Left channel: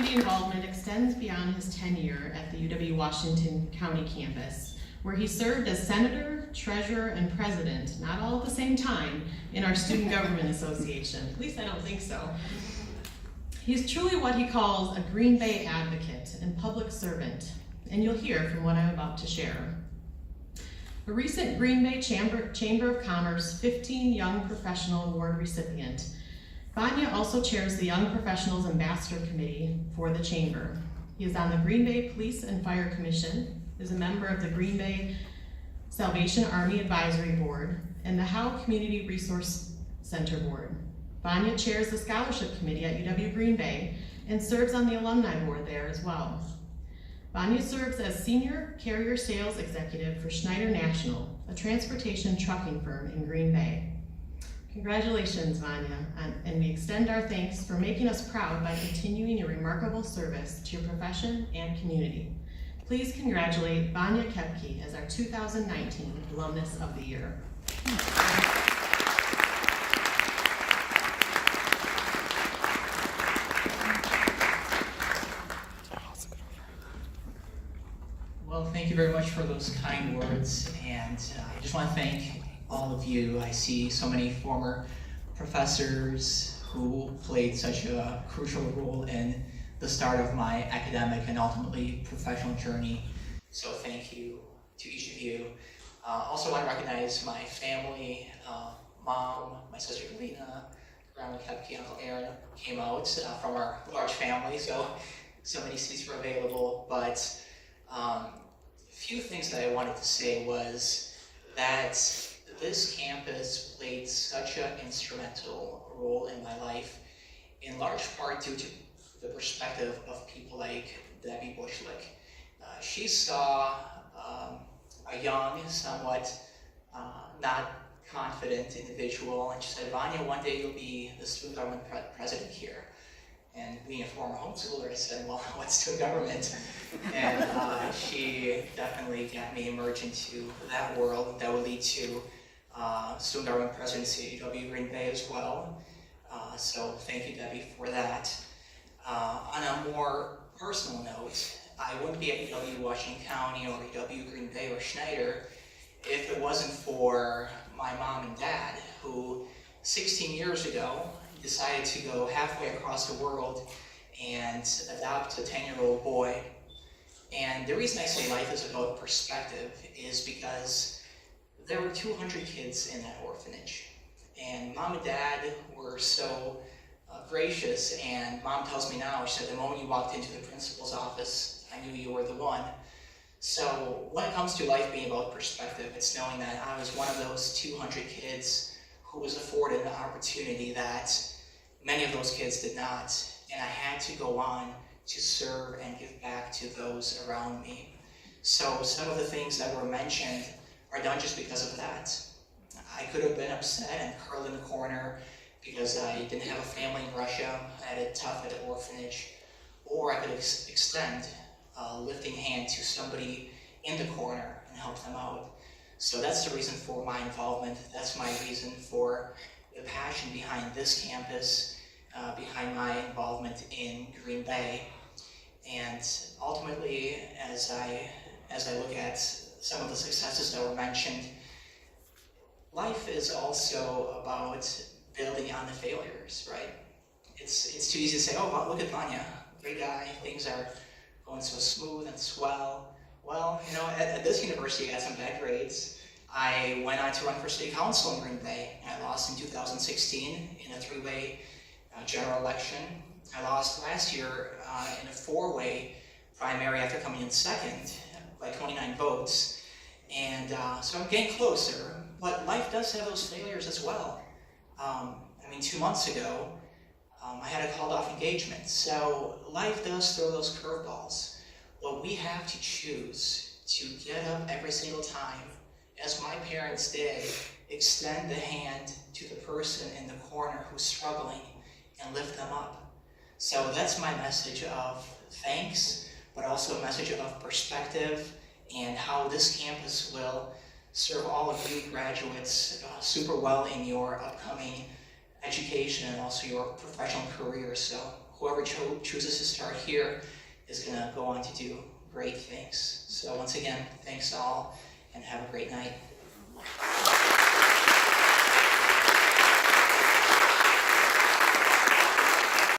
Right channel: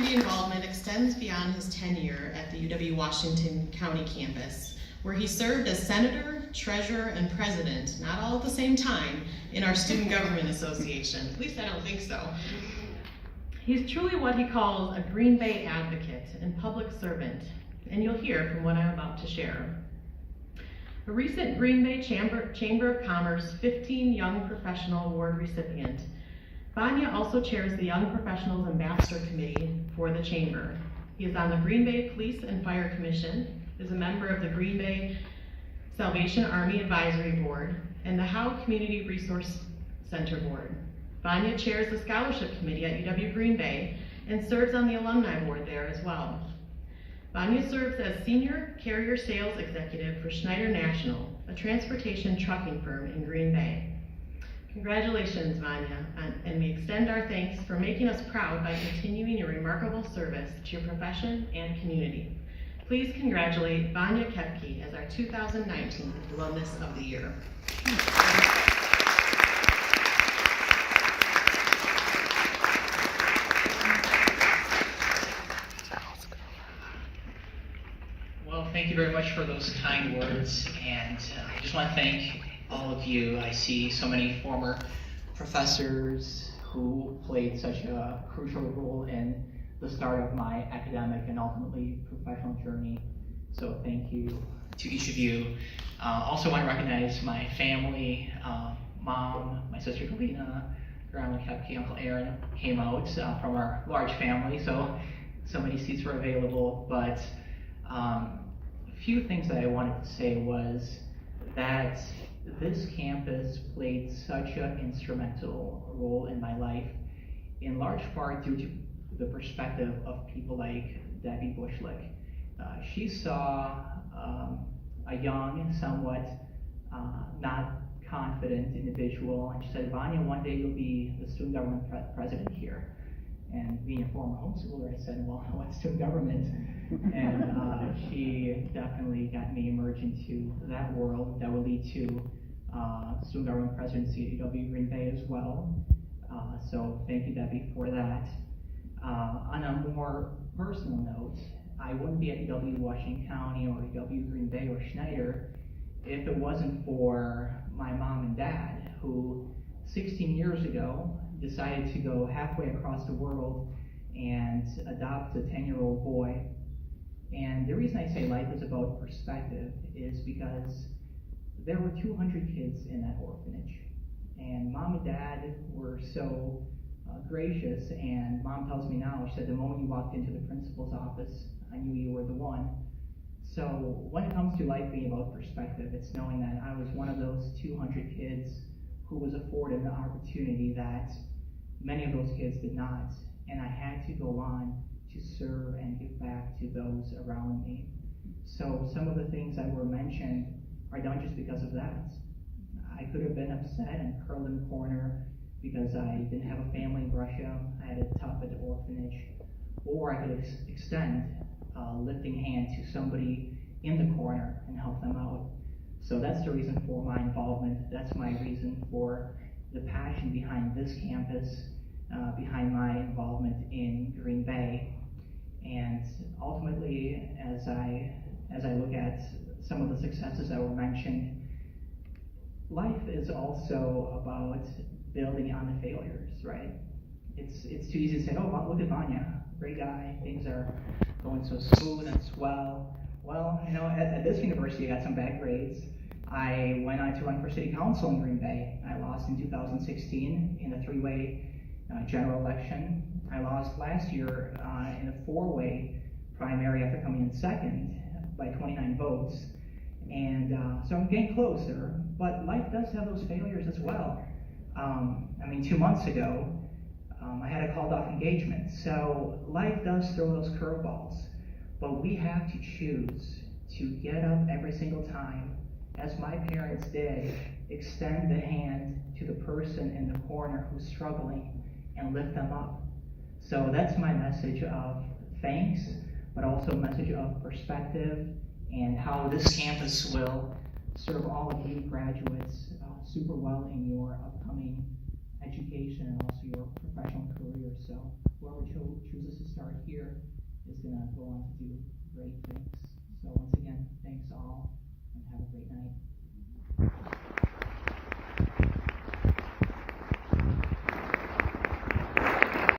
community involvement extends beyond his tenure at the UW-Washington County campus, where he served as senator, treasurer, and president, not all at the same time, in our Student Government Association. At least I don't think so. He's truly what he calls a Green Bay advocate and public servant, and you'll hear from what I'm about to share. A recent Green Bay Chamber of Commerce 15 Young Professional Award recipient, Vanya also chairs the Young Professionals Ambassador Committee for the Chamber. He is on the Green Bay Police and Fire Commission, is a member of the Green Bay Salvation Army Advisory Board, and the Howe Community Resource Center Board. Vanya chairs the Scholarship Committee at UW Green Bay and serves on the Alumni Board there as well. Vanya serves as Senior Carrier Sales Executive for Schneider National, a transportation trucking firm in Green Bay. Congratulations, Vanya, and we extend our thanks for making us proud by continuing your remarkable service to your profession and community. Please congratulate Vanya Koepke as our 2019 Alumnus of the Year. Well, thank you very much for those kind words, and I just want to thank all of you. I see so many former professors who played such a crucial role in the start of my academic and ultimately professional journey. So thank you to each of you. Also want to recognize my family, mom, my sister Galina, Grandma Koepke, Uncle Aaron came out from our large family, so many seats were available. But a few things that I wanted to say was that this campus played such an instrumental role in my life, in large part due to the perspective of people like Debbie Bushlick. She saw a young, somewhat not confident individual, and she said, "Vanya, one day you'll be the student government president here." And being a former homeschooler, I said, "Well, what's student government?" And she definitely got me immersed into that world that will lead to student government presidency at UW Green Bay as well. So thank you, Debbie, for that. On a more personal note, I wouldn't be at UW-Washington County or UW Green Bay or Schneider if it wasn't for my mom and dad, who 16 years ago decided to go halfway across the world and adopt a 10-year-old boy. And the reason I say life is about perspective is because there were 200 kids in that orphanage. And mom and dad were so gracious, and mom tells me now, she said, "The moment you walked into the principal's office, I knew you were the one." So when it comes to life being about perspective, it's knowing that I was one of those 200 kids who was afforded an opportunity that many of those kids did not, and I had to go on to serve and give back to those around me. So some of the things that were mentioned are done just because of that. I could have been upset and curled in the corner because I didn't have a family in Russia, I had it tough at the orphanage, or I could extend a lifting hand to somebody in the corner and help them out. So that's the reason for my involvement. That's my reason for the passion behind this campus, behind my involvement in Green Bay. And ultimately, as I look at some of the successes that were mentioned, life is also about building on the failures, right? It's too easy to say, "Oh, well, look at Vanya, great guy, things are going so smooth and swell." Well, you know, at this university I got some bad grades. I went on to run for city council in Green Bay. I lost in 2016 in a three-way general election. I lost last year in a four-way primary after coming in second by 29 votes. And so I'm getting closer, but life does have those failures as well. I mean, 2 months ago, I had a called off engagement. So life does throw those curveballs, but we have to choose to get up every single time, as my parents did, extend the hand to the person in the corner who's struggling and lift them up. So that's my message of thanks, but also a message of perspective and how this campus will serve all of you graduates super well in your upcoming education and also your professional career. So whoever chooses to start here is going to go on to do great things. So once again, thanks all, and have a great night.